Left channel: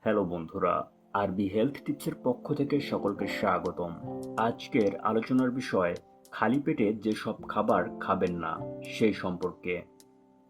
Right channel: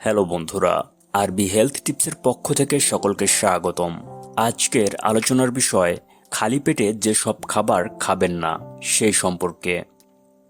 Hello বন্ধুরা, আরবি health টিপসের পক্ষ থেকে সকলকে স্বাগতম। আজকের আলোচনার বিষয়, খালি পেটে যেসব খাবার খাবেন না, সেই সম্পর্কে।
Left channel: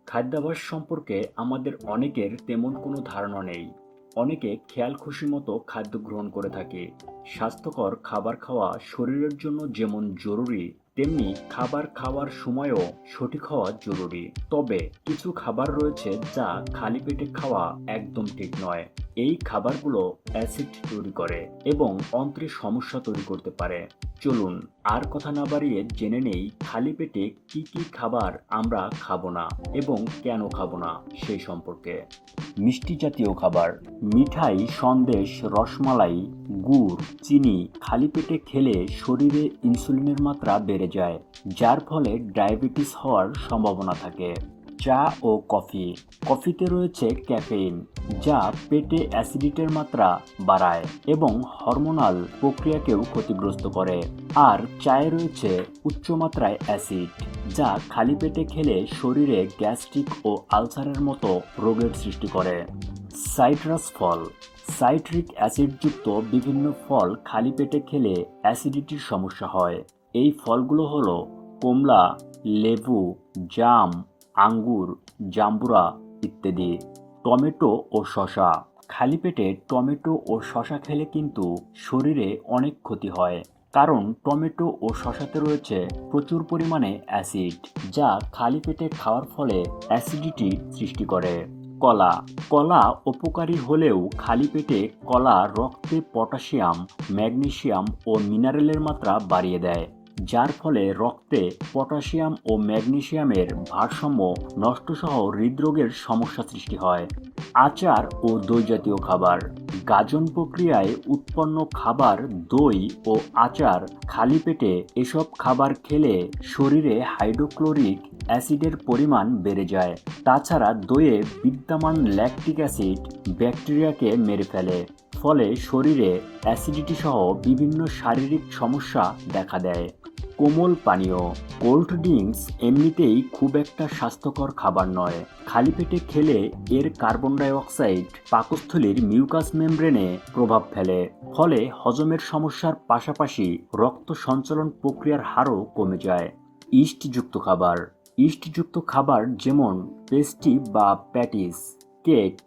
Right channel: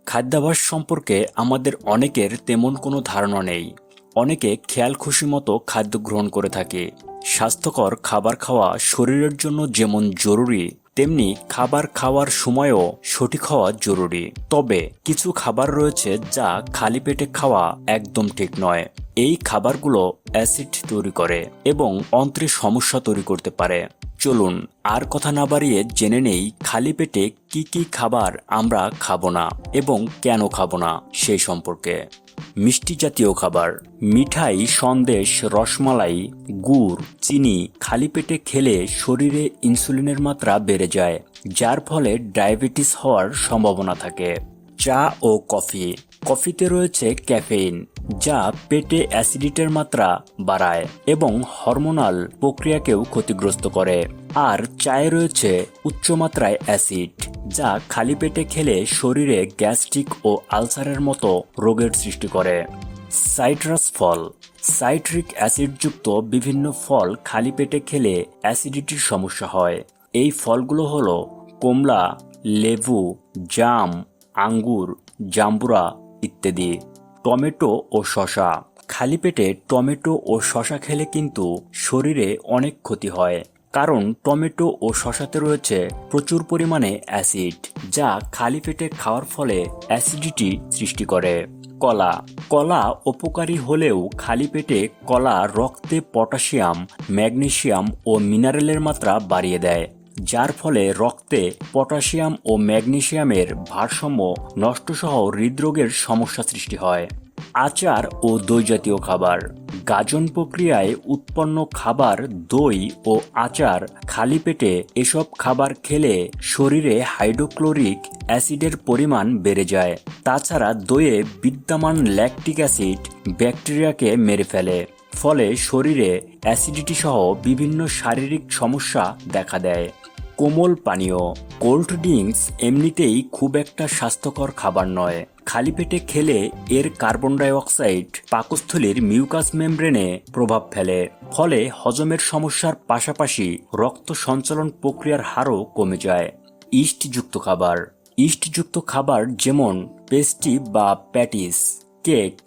খাদ্যাভ্যাস সম্পর্কে আমাদের অনেকের তেমন কোনো ধারণা নেই। অনেকে খেয়াল খুশি মতো খাদ্য গ্রহণ করে থাকে। স্বাস্থ্যকর খাবার খাওয়া শরীরের জন্য যেমন জরুরি তেমনি খাবার খাওয়ার সময়ও সঠিক হওয়া জরুরি। তবে কিছু খাবার রয়েছে যা খালি পেটে খাওয়া একদম ঠিক নয়। এই খাবারগুলো অ্যাসিড তৈরি করে এবং অন্ত্রে সমস্যা তৈরি করতে পারে। চলুন আর কথা না বাড়িয়ে জেনে নেই খালি পেটে কি কি খাবার আমরা খাব না এবং কেন খাব না সেই সম্পর্কে। মিষ্টি জাতীয় খাবার, মিঠাই, সন্দেশ, রসমালাই, গুড়, চিনি খালি পেটে খেলে শরীরে ইনসুলিনের মাত্রা বেড়ে যায়, যার ফলে ডায়াবেটিস হওয়ার সম্ভাবনা থাকে। চা ও কফি, কফিতে রয়েছে ক্যাফেইন যা পেটে অ্যাসিডিটের মাত্রা বাড়ায় এবং হরমোনাল প্রক্রিয়াকেও ক্ষতিগ্রস্ত করে। আর চায়ে রয়েছে উচ্চমাত্রায় অ্যাসিড, যা খালি পেটে খেলে শরীরে গ্যাস্ট্রিক ও আলসারের মতো রোগের সৃষ্টি করে। সাইট্রাস ফল, সাইট্রিক অ্যাসিডযুক্ত বিভিন্ন ফল খালি পেটে খেলে অ্যাসিডিটির সমস্যা হয়। এই ফলগুলো হলো কমলা, লেবু, জাম, আঙ্গুর, জাম্বুরা ইত্যাদি। টমেটো ও শশা খালি পেটে টমেটো ও শশা খেলে কিন্তু শরীরে অনেক ক্ষতি হয়। কারণ টমেটো ও শশাতে রয়েছে প্রচুর পরিমাণে অ্যাসিড, যা খালি পেটে খাওয়ার ফলে অ্যাসিডিটি সৃষ্টি করে। কলা। কলা উপকারী হলেও খালি পেটে কলা রক্তে পটাশিয়াম ম্যাগনেসিয়াম ও মিনারেলের মাত্রা বাড়িয়ে দেয়। যার ফলে রক্তে পটাশিয়াম ও ম্যাগনেশিয়ামের ভারসাম্য নষ্টসহ হৃদরোগের সমস্যা সৃষ্টি হয়। আচার ও দই জাতীয় খাবার। গাজন প্রক্রিয়ায় উৎপন্ন খাবার, দই ও আচার খালি পেটে এসব খাবার খেলে শরীরে হাইড্রোক্লোরিক অ্যাসিডের পরিমাণ বেড়ে যায়। তাছাড়া দইয়ে বিদ্যমান ল্যাকটিক অ্যাসিড ব্যাকটেরিয়াকে মেরে ফেলে। ফলে শরীরে অ্যাসিডিটি সহ বিভিন্ন শারীরিক সমস্যা দেখা দেয়। কোমল পানীয় কোল্ড ড্রিঙ্কস এমনিতেই খুব একটা স্বাস্থ্যকর খাবার নয়। খালি পেটে খেলে এর কার্বন ডাই অক্সাইড পাকস্থলীর মিউকাস মেমব্রেনে প্রভাব ফেলে। ফলে হজমের সমস্যার পাশাপাশি রক্ত সঞ্চালন প্রক্রিয়ার হারও কমে যায়। ইস্টযুক্ত খাবার। ইস্টযুক্ত খাবার যেমন পেস্টি বা প্যাটিস কেক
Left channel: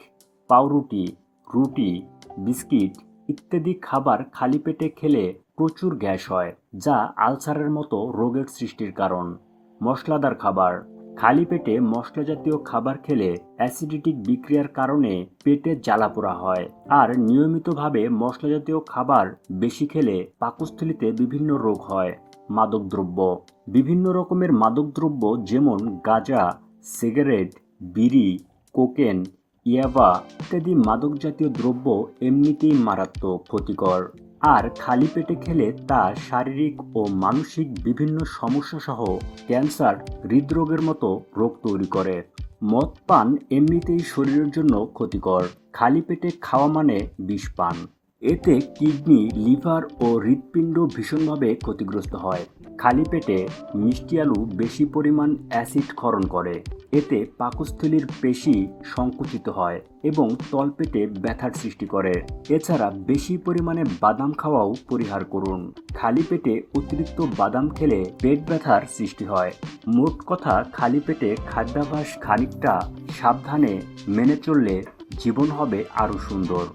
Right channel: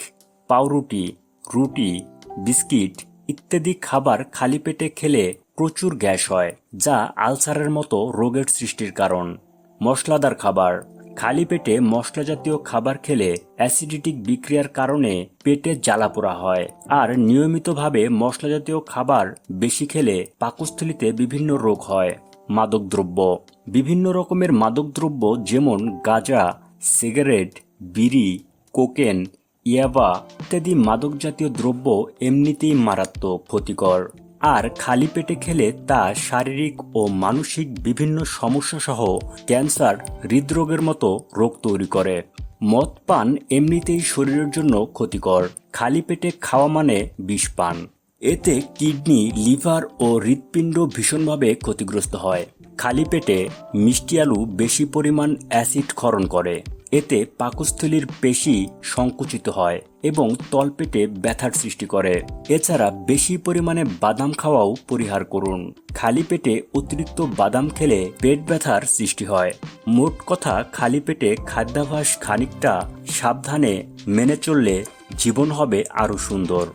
পাউরুটি, রুটি, বিস্কিট ইত্যাদি খাবার খালি পেটে খেলে প্রচুর গ্যাস হয়, যা আলসারের মতো রোগের সৃষ্টির কারণ। মশলাদার খাবার। খালি পেটে মশলা জাতীয় খাবার খেলে অ্যাসিডিটিক বিক্রিয়ার কারণে পেটে জ্বালাপোড়া হয়। আর নিয়মিতভাবে মশলা জাতীয় খাবার বেশি খেলে পাকস্থলিতে বিভিন্ন রোগ হয়। মাদকদ্রব্য। বিভিন্ন রকমের মাদকদ্রব্য যেমন গাঁজা, সিগারেট, বিড়ি, কোকেন, ইয়াবা ইত্যাদি মাদক জাতীয় দ্রব্য এমনিতেই মারাত্মক ক্ষতিকর। আর খালি পেটে খেলে তা শারীরিক ও মানসিক বিভিন্ন সমস্যা সহ ক্যান্সার, হৃদরোগের মতো রোগ তৈরি করে। মদ পান এমনিতেই শরীরের জন্য ক্ষতিকর। খালি পেটে খাওয়া মানে বিষ পান। এতে কিডনি, লিভার ও হৃৎপিণ্ড ভীষণভাবে ক্ষতিগ্রস্ত হয়। খালি পেটে মিষ্টি আলু বেশি পরিমাণ অ্যাসিড ক্ষরণ করে। এতে পাকস্থলীর পেশি সংকুচিত হয় এবং তলপেটে ব্যথার সৃষ্টি করে। এছাড়া বেশি পরিমাণে বাদাম খাওয়াও পরিহার করুন। খালি পেটে অতিরিক্ত বাদাম খেলে পেট ব্যথার সৃষ্টি হয়। মোট কথা, খালি পেটে খাদ্যাভ্যাস খানিকটা সাবধানে মেনে চললে জীবন হবে আরও সুন্দর।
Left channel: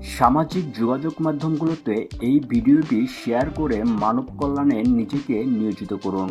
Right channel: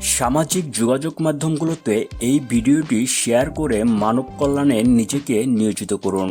সামাজিক যোগাযোগ মাধ্যমগুলোতে এই ভিডিওটি শেয়ার করে মানব কল্যাণে নিজেকে নিয়োজিত করুন।